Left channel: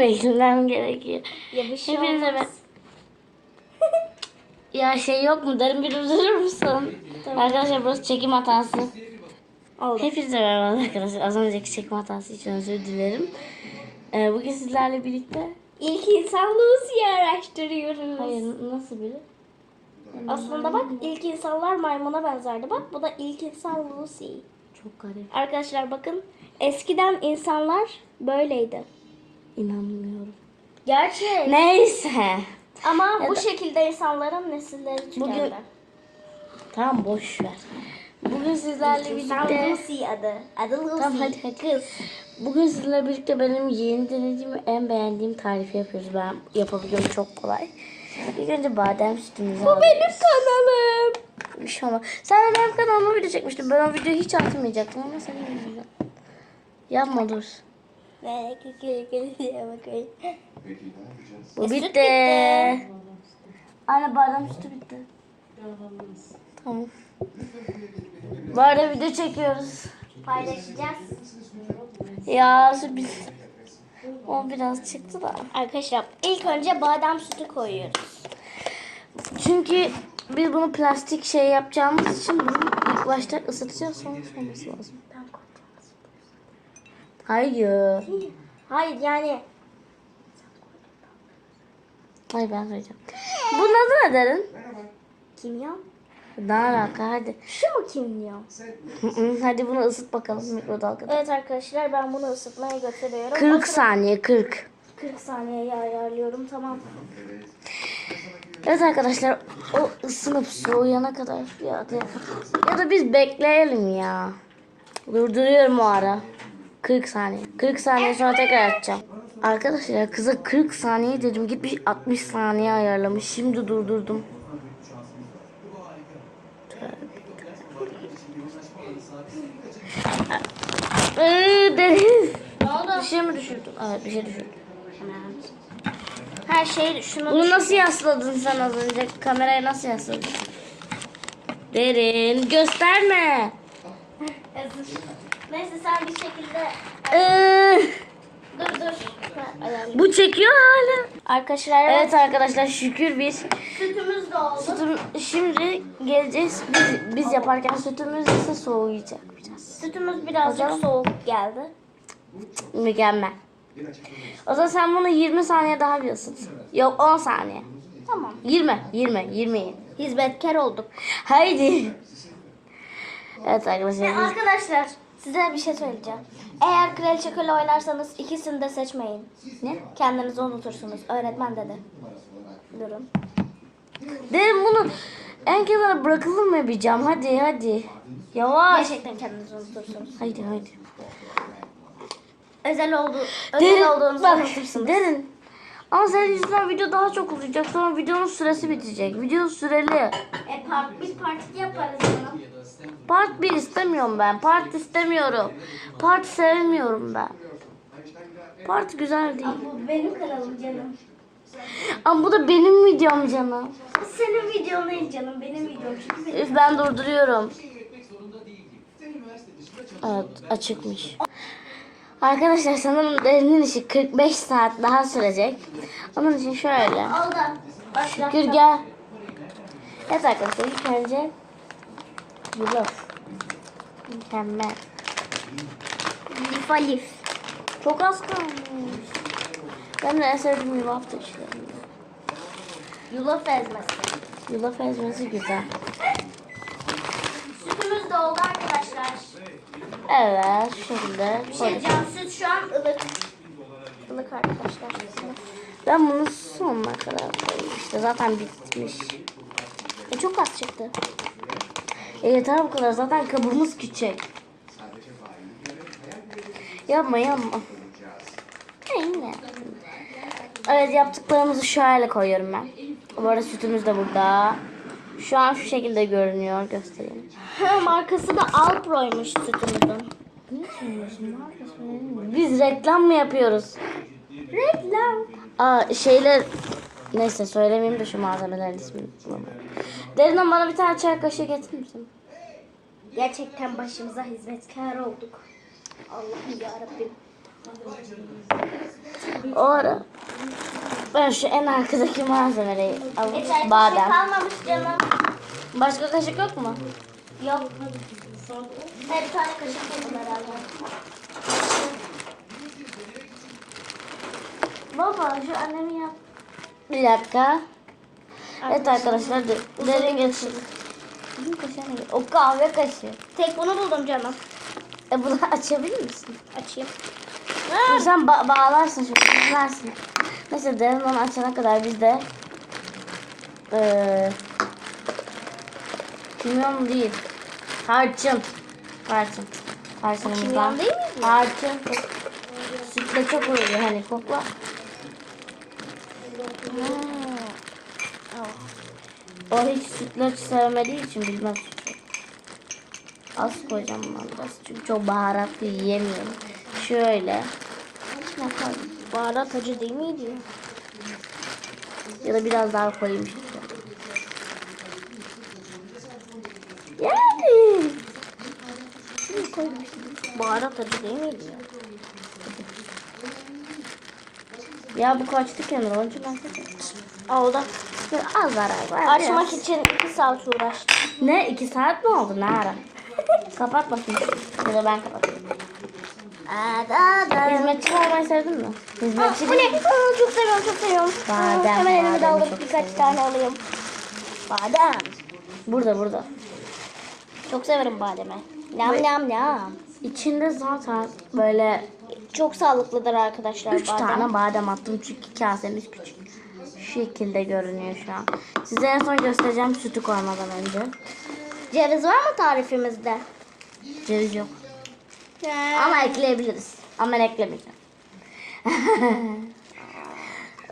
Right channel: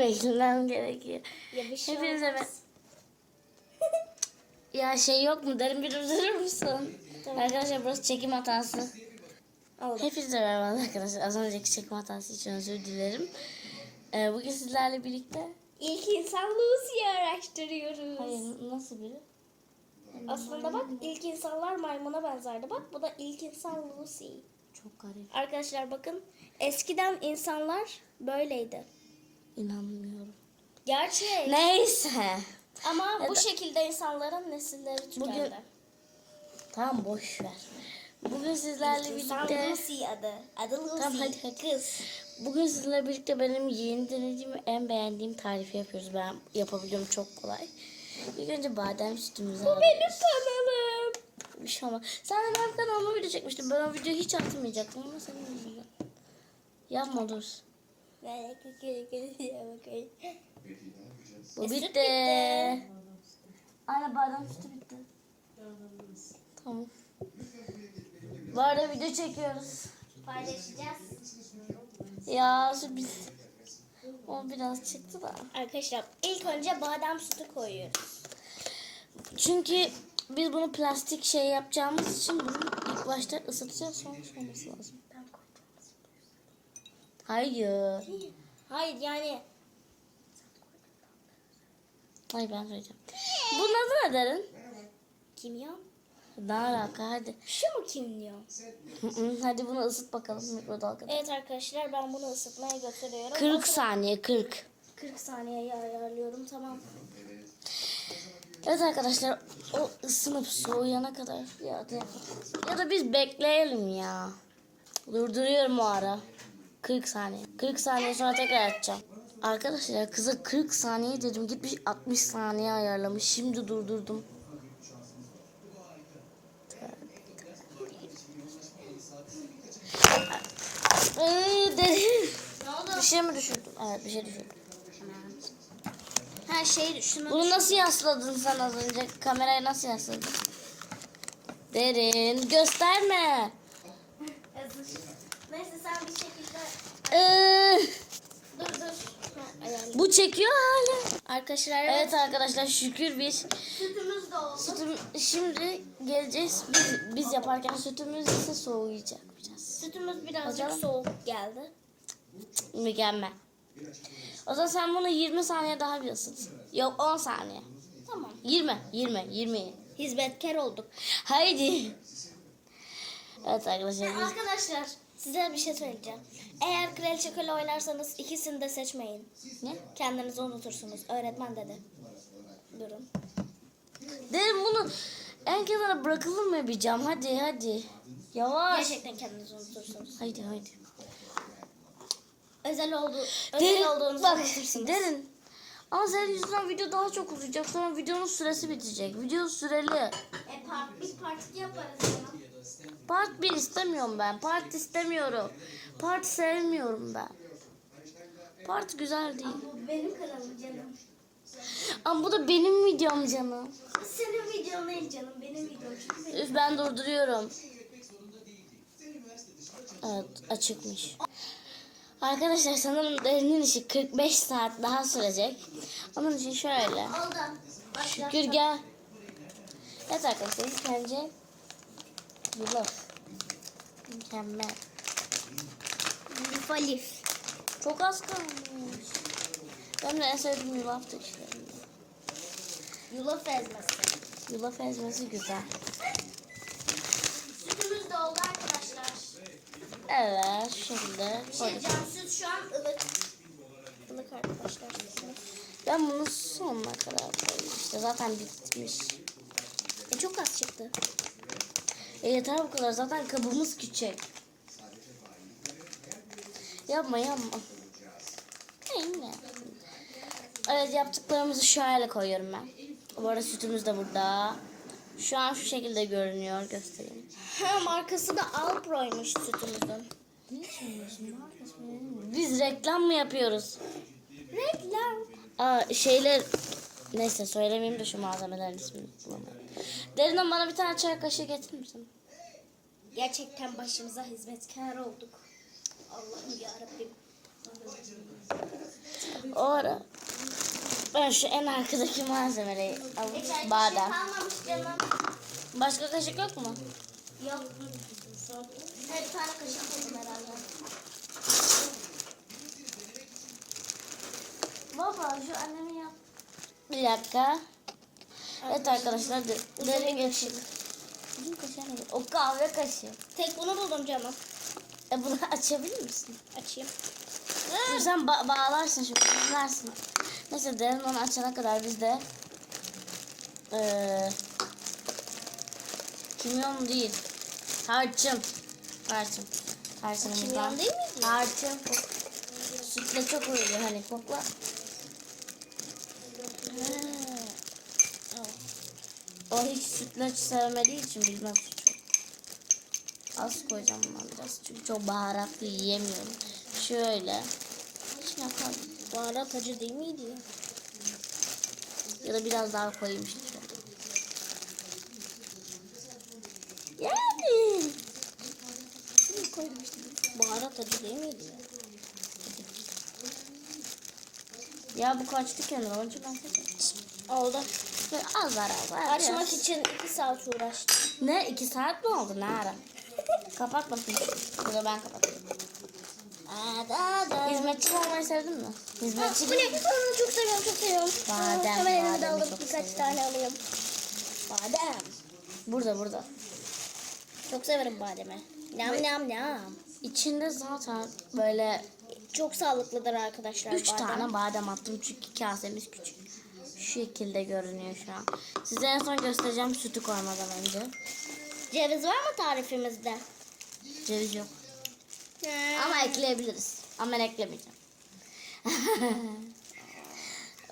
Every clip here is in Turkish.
Beklemem gerekiyor. Ya bir şey Hepinize olmaz. Ya şey yok mu? Derin bir durur musun? Arkadaşlar burası çekim hatası. Oldu. Hepinize merhaba arkadaşlar. Az önceki çekim hatası için özür dilerim. Ee, bugün sizlerle birlikte... İlk insan Lucy'yi araştırıyoruz. Hayır nasıl biri? Aslında bak ilk insanlar maymuna benzerdi. Bak bu da ilk insan Lucy. Çok garip. Arkadaşlar bakın eskiden insanlar böyleydi. İnanmıyorum. Gerçek. Neyse. Ama Ya bu da- şekilde insanların nesilleri tükendi. Bugün- Tamam boş ver. Bugün sizlerle birlikte... Lucy adı. Adı Lucy. Tamam hadi hadi. Kız. Bugün sizinle birlikte benim yeni denediğim en beğendiğim tarifi yapıyoruz. Ben yapabiliyorum çok kolay. İlk önce badem sütümüzü Bu alıyoruz. benim kanalım. Bir şey. Sen de benim kanalıma video çekmiştin. Ben o videoyu hiç atmayacaktım ama senin yüzünden. Yapma dur. Ne bakayım. Bu bitti. bitti. Anne badem sütü bitti. Tamam. Bu arada video çekiyoruz. Paylaşacağız. Ya sürpriz. O biraz çıktı da. Arkadaşlar ilk önce badem sütü koyuyoruz. Çünkü biz bunu plastik şey yapacağımız için bunu ilk başta ısıtacağız sonra soğuması lazım. Hayır. Hayır yani Hayır ben söyleyeceğim. Bunun adı ne derin? kimyon. Ne alaka hadi. Şu mu kimyon? Hadi bunu ısıt bakalım mikrodalgada. Evet arkadaşlar ben bunu ısıtmaya götürüyorum. 40 saniye 40. 40 saniyeye ayarlıyorum tamam. Evet arkadaşlar o ısınıp soğuyana kadar ya da, ya da biz bekleyelim ya. Durduruyorum o ara. 40 saniye. 40 saniye sonra tekrar açacağım. Arkadaşlar kıza 40 saniye dedim gitmiş 60 saniye ayarlamış. Şimdi durdurdum. Bir şey mi düşürdüm? Evet bir şey düşürdüm. Her şey şunu Bunu nasıl yasladın sen az önce? Kameraya nasıl yasladın? Derin gösterme. Neyse sen bir şekilde Ee, dur dur. Bu çekiyor hala. Arkadaşlar evet. Evet arkadaşlar şükür biz Sütümüz de oldu. sütüm, şimdi geleceğiz. Biz, biz yaparken sütümüz ise soğuyacak biraz. Sütümüz birazcık Hocam. soğuk geldi. Mükemmel. O zaman sen bunu 20 saniye daha bir ısıt. Yok 10 saniye. Tamam. 20, 20, 20. Hizmetkar olduk. Haydi. Evet arkadaşlar biz Arkadaşlar size bir şey söyleyeceğim. Eğer kraliçe köle oynarsanız ikisini de seçmeyin. ne? Kendinizi unutursunuz. Öğretmen dedi. Durun. Derim bunu en kenara bırakılır mı bir cam? Hadi hadi. Yavaş. Gerçekten kendinizi unutursunuz. Haydi haydi. Özel oldu. Özel Derin, olduğunuzu bak, unutursunuz. derin. Ama senin yüzünden video daha çok uzayacak. Sonra videonun süresi bitecek. Video süreli. E part, biz parti yaparız. Part 1 istemiyorum ben. Part istemiyorum. Part sevmiyorum ben. Part güzel değil. Bu benim kanalım canım. Ama bu da benim videom canım. Senin videon değil canım. Benim videom. Çünkü benim. Üf ben durduruyorum. Evet açıkmış. Arkadaşlar sanırım derinin işi 45 saat daha sürecek. Onun için şöyle. Gür gel. Evet arkadaşlar ilk önce yulaf. Mükemmel. Alif. Çok az kalmış. Ben de en sevdiğim yulaf işte. Yulaf ezmesi. Yulaf ezmesi güzel. Sütümüz de oldu arkadaşlar. Evet şekilde Bir şey can süt şu an ılık. Ilık arkadaşlar. Ben bunu sonuna kadar koyayım. İşte zaten bitmiş. E çok az çıktı. E yeter bu kadar. Zaten kabımız küçük. Yapma yapma. Neyine? Evet yaptıklarımızı şöyle koyuyorum ben. Bu arada sütümüz de burada. Şu an şu şekilde görünüyor. Göstereyim. Ha, markası da Alpro'ymuş sütümüzün. Biz reklam mı yapıyoruz? Reklam. Aa şeyler... Neyse söylemeyeyim de şu malzemelerin ismini bulamıyorum. Derinden bana bir tane çay kaşığı getirir misin? Gerçekten başımıza hizmetkar olduk. Allah'ım yarabbim. O ara ben şu en arkadaki malzemeleri bir şey Badem. kalmamış canım. Başka kaşık yok mu? Yok. Her bir tane kaşık yedim herhalde. Baba şu annemin yap. Bir dakika. Evet arkadaşlar de- derin geçin. Bizim kaşığı ne? O kahve kaşığı. Tek bunu buldum canım. E bunu açabilir misin? Açayım. Dur sen ba- bağlarsın şu bağlarsın. Neyse derin onu açana kadar biz de eee kimyon değil. Tarçın. Tarçın. Tarçınımızdan. Kimyon değil mi? Tarçın. Sütle çok uyuyor hani kokla. O hiç sütlaç sevmediği için bilmem sütlaç. Az koyacağım ben biraz çünkü çok baharatlı yiyemiyorum. Şöyle. İçine koy. Baharat acı değil miydi? Ya da biraz daha koyayım işte. Yani. Baharat acı değil miydi? Ya bu kaçtı kenara. Onun için ben. Oldu. Az var az var. Açmak için 2 saat uğraştım. Ne? iki saat mi oldu? Ne ara? Kapat bakayım. Ya da ben kapatayım. Ada da. Hizmetçi olmayı sevdin mi? Aa, Hizmetçi bu ne? Aa, çok seviyorum çok seviyorum. Aa, Badem, Hemen elimi bademi birkaç seviyorum. tane alayım. Badem. Burada burada. Çok severim bademi. Nam nam nam. İçinde zaten böyle Çok sağlıklıdır arkadaşlar üç badem. tane badem attım çünkü kasemiz küçük. Şu şekilde görünüyor şu an. Size en son göstereceğim sütü koymadan önce. Ceviz var mı tarifimizde? Ceviz yok. Ama ekleyebiliriz. Ama ben eklemeyeceğim.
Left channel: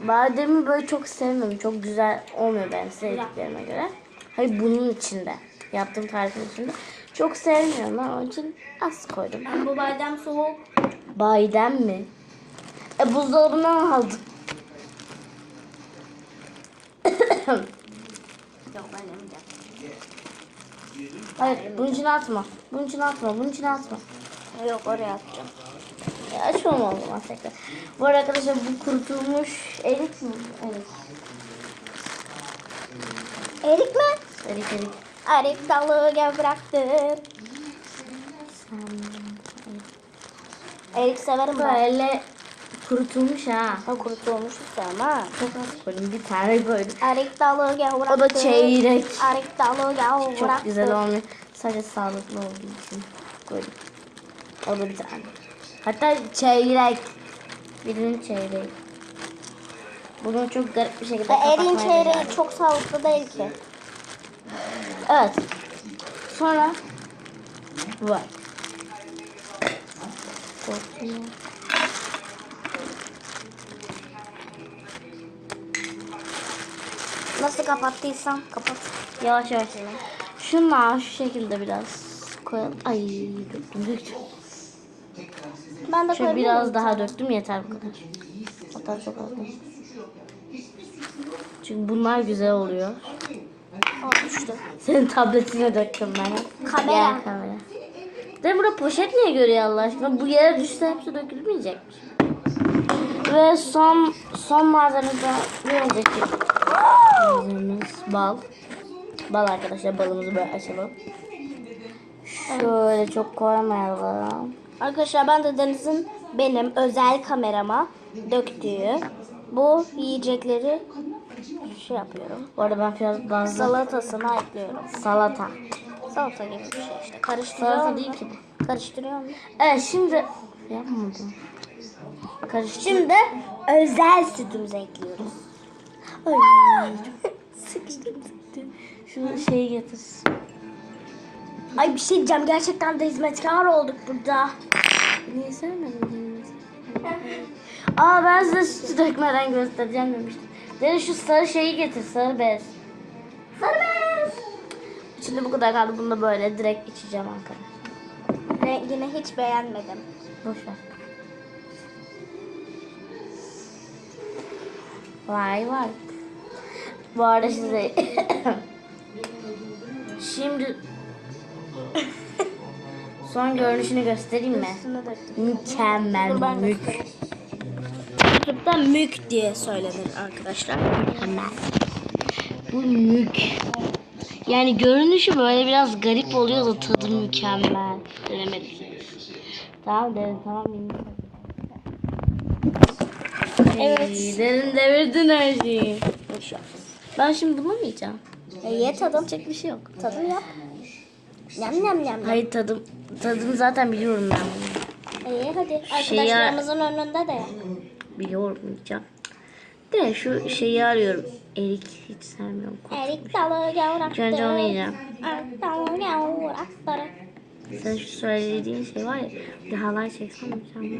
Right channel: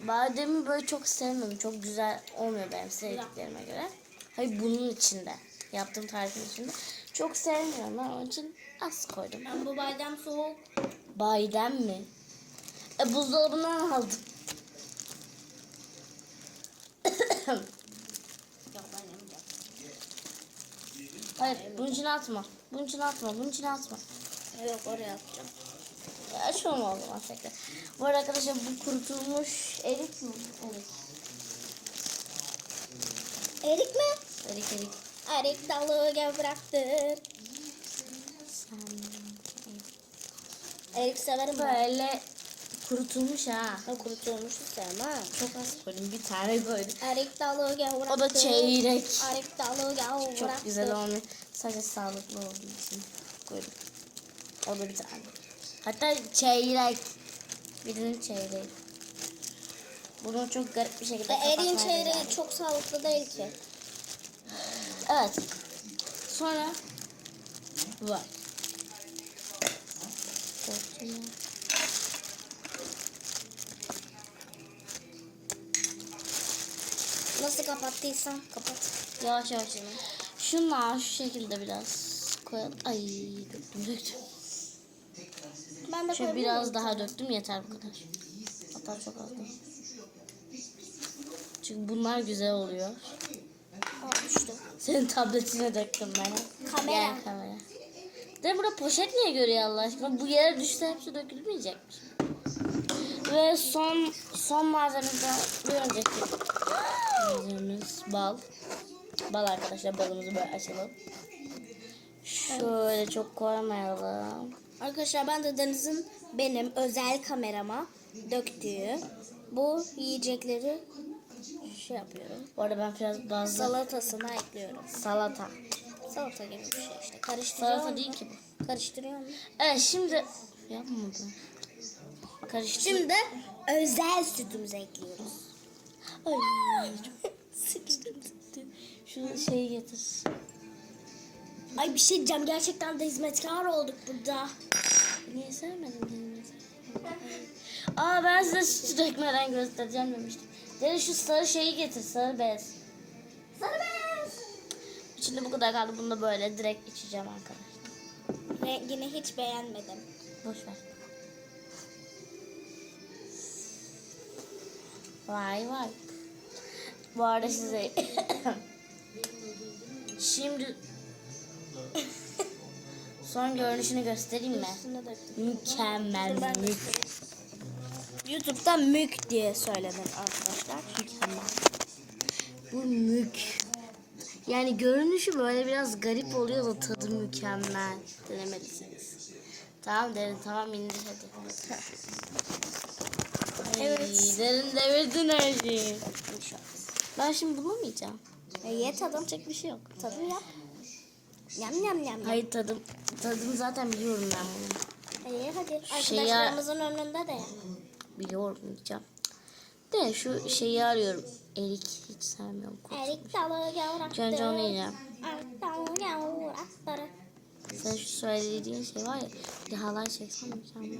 Bademi böyle çok sevmiyorum. Çok güzel olmuyor benim sevdiklerime göre. Hayır bunun içinde. Yaptığım tarifin içinde. Çok sevmiyorum onun için az koydum. Ben bu badem soğuk. Badem mi? E buzdolabından aldım. Yok ben yemeyeceğim. Hayır bunun içine atma. Bunun içine atma. Bunun içine atma. Yok oraya atacağım. Ya açmam o zaman tekrar. Bu arada arkadaşlar bu kurutulmuş erik mi? Evet. Erik mi? Erik erik. Erik dalı gevrektir. Sen... Erik severim ben. Böyle kurutulmuş ha. Ben kurutulmuş sevmem. Çok az koydum. Bir tane koydum. Erik dalı gevrektir. O da çeyrek. Erik dalı gevrektir. Çok güzel olmuyor. Sadece sağlıklı olduğu için koydum. O da bir tane. Hatta çeyrek. Birinin çeyreği. Bunu çok garip bir şekilde E, kapatmaya çeyreği becerdim. çok sağlıklı değil ki. Evet. Sonra var. Korktum. Nasıl kapattıysam kapat. Yavaş yavaş. Şunlar şu şekilde biraz koyalım. Ay döktüm döktüm. Ben de Şöyle biraz daha döktüm yeter bu kadar. Hatta çok az değil. Çünkü bunlar güzel oluyor. Düştü. Senin tabletine döktüm ben. Kamera. Gel kamera. De burada poşet niye görüyor Allah aşkına? Bu yere düşse hepsi dökülmeyecekmiş. Ve son son malzemeden bir önceki malzememiz bal. Bal arkadaşlar balımızı böyle açalım. Şöyle çok koymayalım. Arkadaşlar ben de Deniz'in benim özel kamerama döktüğü bu yiyecekleri şey yapıyorum. Bu arada ben biraz bazı Salatasına ekliyorum. salata. Salata gibi bir şey işte. Salata Karıştırıyorum. değil ki bu. Karıştırıyorum. Evet şimdi yapmadım. Karıştır. Şimdi özel sütümüzü ekliyoruz. Ay, sıkıştım sıkıştım. Şu şeyi getir. Ay bir şey diyeceğim. Gerçekten de hizmetkar olduk burada. Niye sevmedin? Aa ben size sütü dökmeden göstereceğim demiştim. Deniz şu sarı şeyi getir sarı bez. Şimdi bu kadar kaldı. Bunu da böyle direkt içeceğim arkadaşlar. Rengini hiç beğenmedim. Boş ver. Vay vay. Bu arada size şimdi son görünüşünü göstereyim mi? Mükemmel. Dur ben mük-. YouTube'da mük diye söylenir arkadaşlar. Mükemmel. Bu mük. Yani görünüşü böyle biraz garip oluyor da tadı mükemmel. Denemelisiniz. Tamam derin tamam indir. Evet. Ay, Derin devirdin her şeyi. Ben şimdi yiyeceğim? E, ye tadım. Yapacak bir şey yok. Tadım yap. Yam yam yam. Hayır tadım. Tadını zaten biliyorum ben. E, ye hadi. Şeyi- Arkadaşlarımızın önünde de yap. Biliyorum yiyeceğim. De şu şeyi arıyorum. Erik hiç sevmiyorum. Erik dalı yavraktı. İlk önce onu yiyeceğim. Erik dalı yavraktı. Sen şu söylediğin şey var ya. Bir halay çeksen mükemmel.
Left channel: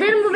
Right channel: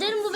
Derin bu